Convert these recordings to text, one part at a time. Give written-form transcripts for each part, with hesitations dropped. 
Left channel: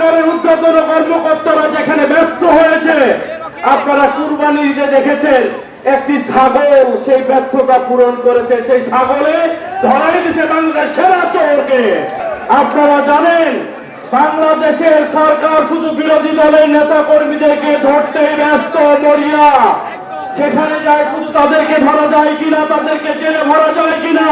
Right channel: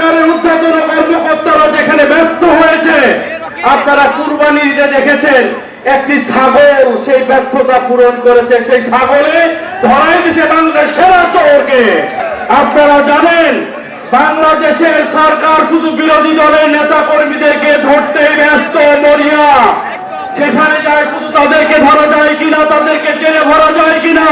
সরকারের ঊর্ধ্বতন কর্মকর্তারা যেখানে ব্যর্থ হয়েছে, আপনারা কুরবানি ঈদে দেখেছেন একটি ছাগল সেই ব্যর্থতা পূরণ করেছে। সেই ছাগলে ধরাই দিছে বাংলাদেশের সেরা চোরকে। আপনারা জানেন বাংলাদেশের সরকার শুধু বিরোধী দলের নেতা কর্মীদেরকে ধরতে ব্যস্ত মরিয়া। সেখানে যায় শুধু তাদেরকে ধরা যায় কিনা, তাদেরকে জেলে ভরা যায় কিনা,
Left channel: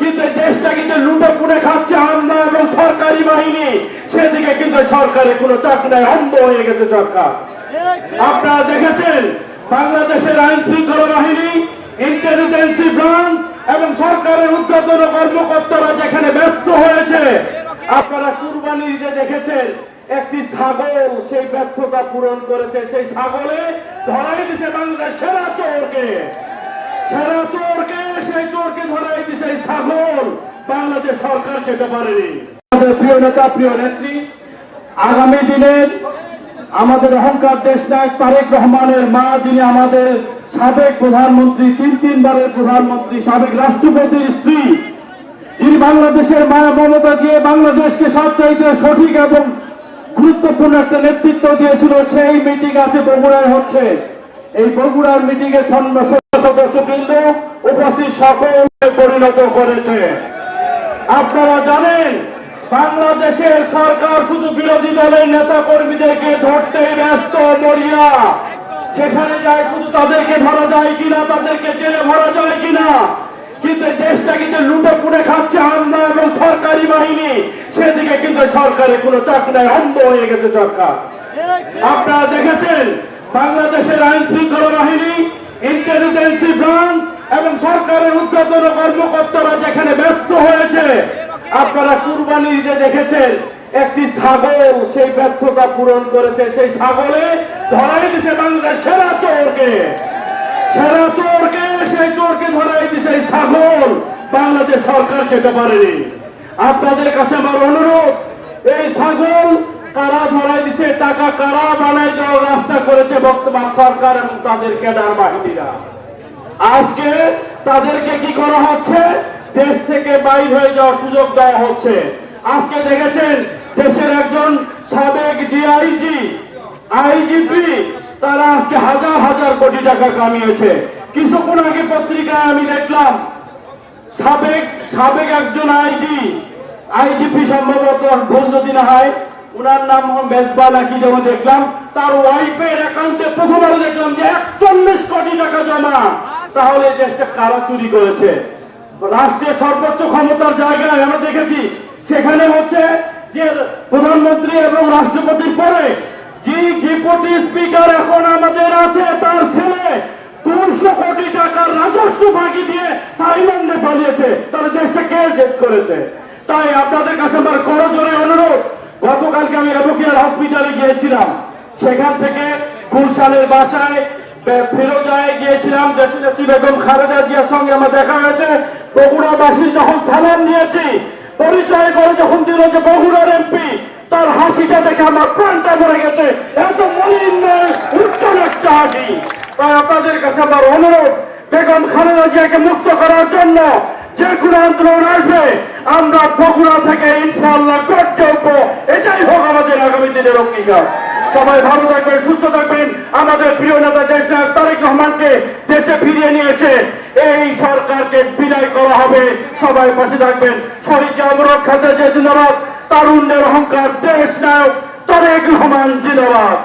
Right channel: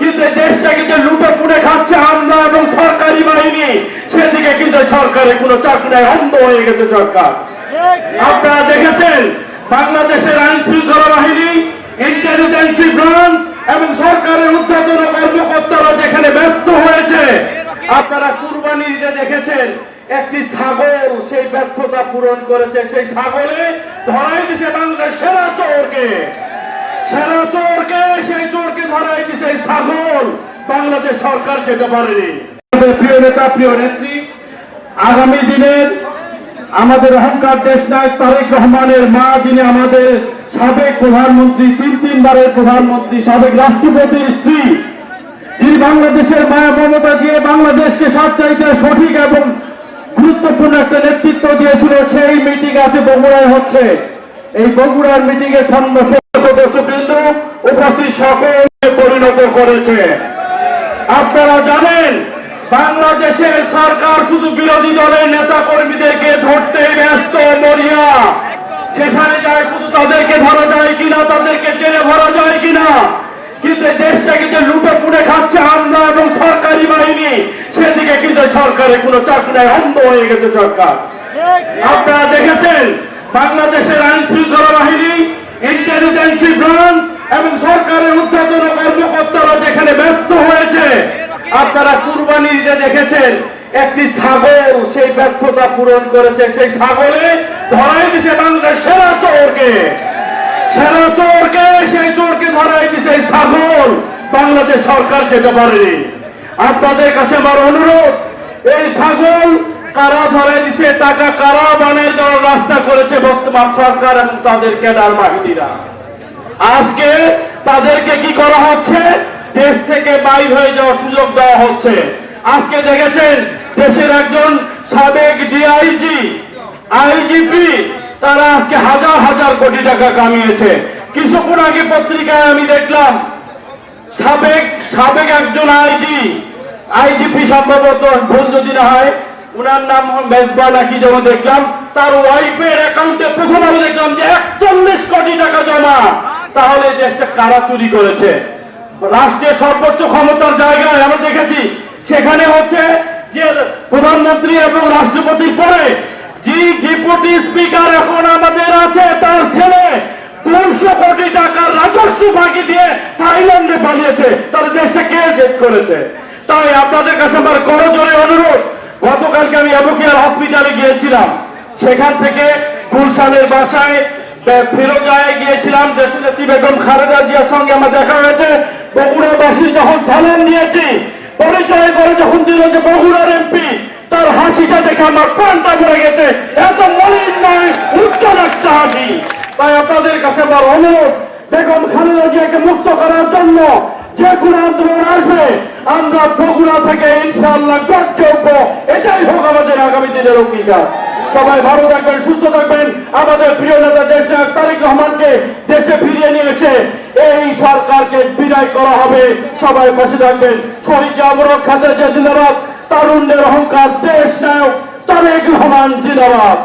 কিন্তু দেশটাকে যে লুটে পুড়ে খাচ্ছে আমরা এবং সরকারি বাহিনী, সেদিকে কিন্তু সরকারের কোনো চাপ নাই, অন্ধ হয়ে গেছে সরকার। আপনারা দেখেছেন বাংলাদেশের আইন শৃঙ্খলা বাহিনী, ইন্টেলিজেন্সি ব্রাঞ্চ এবং সরকারের ঊর্ধ্বতন কর্মকর্তারা যেখানে ব্যর্থ হয়েছে, আপনারা কুরবানি ঈদে দেখেছেন একটি ছাগল সেই ব্যর্থতা পূরণ করেছে। সেই ছাগলে ধরাই দিছে বাংলাদেশের সেরা চোরকে। সেরা চোরকে, সেই চোরকে ধরাই দিছে এই ছাগল। বাংলাদেশ সরকার যেতে পারেনি। আমাদের প্রিয় নেতা, প্রিয় নেত্রী, আগামী দিনের আমাদের অহংকার দেশ নায়ক তারেক রহমানের মা, যিনি আমাদের সাবেক প্রধানমন্ত্রী, তিনবারের প্রধানমন্ত্রী, সাবেক রাষ্ট্রপতির স্ত্রী, যিনি বাংলাদেশের মায়া মমতা দিয়ে বাংলাদেশকে সবচাইতে সঠিক এবং গুরুত্বপূর্ণ একটা নেতৃত্ব দিয়েছিল, সেই মিটিং আছে বগুড়ায় হচ্ছে। এই বগুড়ার মিটিং এ সদস্যবৃন্দ উপস্থিত সকলকে পরিণত করেছে। আপনারা জানেন বাংলাদেশের সরকার শুধু বিরোধী দলের নেতা কর্মীদেরকে ধরতে ব্যস্ত মরিয়া। সেখানে যায় শুধু তাদেরকে ধরা যায় কিনা, তাদেরকে জেলে ভরা যায় কিনা, কিন্তু দেশটাকে যে লুটে পুড়ে খাচ্ছে আমরা এবং সরকারি বাহিনী, সেদিকে কিন্তু সরকারের কোনো চাপ নাই, অন্ধ হয়ে গেছে সরকার। আপনারা দেখেছেন বাংলাদেশের আইন শৃঙ্খলা বাহিনী, ইন্টেলিজেন্সি ব্রাঞ্চ এবং সরকারের ঊর্ধ্বতন কর্মকর্তারা যেখানে ব্যর্থ হয়েছে, আপনারা কুরবানি ঈদে দেখেছেন একটি ছাগল সেই ব্যর্থতা পূরণ করেছে। সেই ছাগলে ধরাই দিছে বাংলাদেশের সেরা চোরকে। সেরা চোরকে, সেই চোরকে ধরাই দিছে এই ছাগল। বাংলাদেশ সরকার যেতে পারেনি। আপনাদের কাছে আমার অনুরোধ, এই ছাগল কারা ধরাই দিছে, টাকা কারা বানাই দেওয়ার রাস্তা করেছে বর্তমান সরকার এবং তাদের ক্যাডার বাহিনীরা। আজকে তাদেরকে কি করা হচ্ছে, দেশ থেকে বাইর হয়ে যাওয়ার সুযোগ দেওয়া হচ্ছে। আজকে দেখেছেন দেশের একজন সাবেক ডিআইজি, আইজিপি, তারা আজকে হাজার হাজার কোটি টাকা কামিয়েছে। কিছুক্ষণ আগে পত্রিকায় আমি দেখলাম সাবেক একজন আইজিপি, সম্ভবত ভুল যদি না হয়, উনার নাম মেজবা নাকি যেন দেখলাম, তার ওয়াইফের অ্যাকাউন্টে প্রথমে দেখলাম যে 41 কোটি টাকা জমা। তাহলে দেশটা কারা চুরি করেছে? রাষ্ট্রের সর্বোচ্চ ক্ষমতার জায়গায় আমরা দেখেছি সেখানে হচ্ছে যে প্রধানমন্ত্রী এবং রাষ্ট্রপতি পরে যে ডেপুটি স্পিকার এখন আমাদের আছে, তার ছেলে 200 কোটি টাকার রাজস্ব ফাঁকি দিয়ে থাইল্যান্ডে পালিয়েছে। তাহলে দেশটা কে জেদ করেছে? তাই আপনাদের কাছে আমার করজোরে অনুরোধ, গতকালকে আমি এবুকিয়ার হসপিটালে গিয়েছিলাম, সেখান থেকে গুলশানের বাসায় ফিরোজায় গিয়েছিলাম, দেশনেত্রী বেগম খালেদা জিয়ার সঙ্গে আমার দেখা হয়েছে। বগুড়াবাসী যখন সালাম নিয়েছি, পরিচয় করে যখন দিল যে বগুড়ার এমপি, তার হাসিটা দেখে আমার প্রাণটা ভরে গেছে। এত মলিন নয়, উজ্জ্বল একটা হাসি। তাই আপনাদের কাছে আমার অনুরোধ, বেগম খালেদা জিয়াকে মুক্ত করার জন্য যে কোনো আন্দোলন আসবে, আমরা বগুড়া থেকে ইনশাআল্লাহ করতে উঠবো। এটাই হোক আমাদের আগামী দিনের অঙ্গীকার। সবাই ভালো থাকবেন, সুস্থ থাকবেন। আমাদের প্রিয় নেতা দেশ নায়ক তারেক রহমানকে দেশে ফিরিয়ে নিয়েছে, এই সরকারকে বিদায় করা হবে। সবাই পাশে থাকবেন। শহীদ অমরক খাতের যে জিন্দাবাদ, তারুণ্যের অহংকার দেশ নায়ক তারেক রহমান জিন্দাবাদ।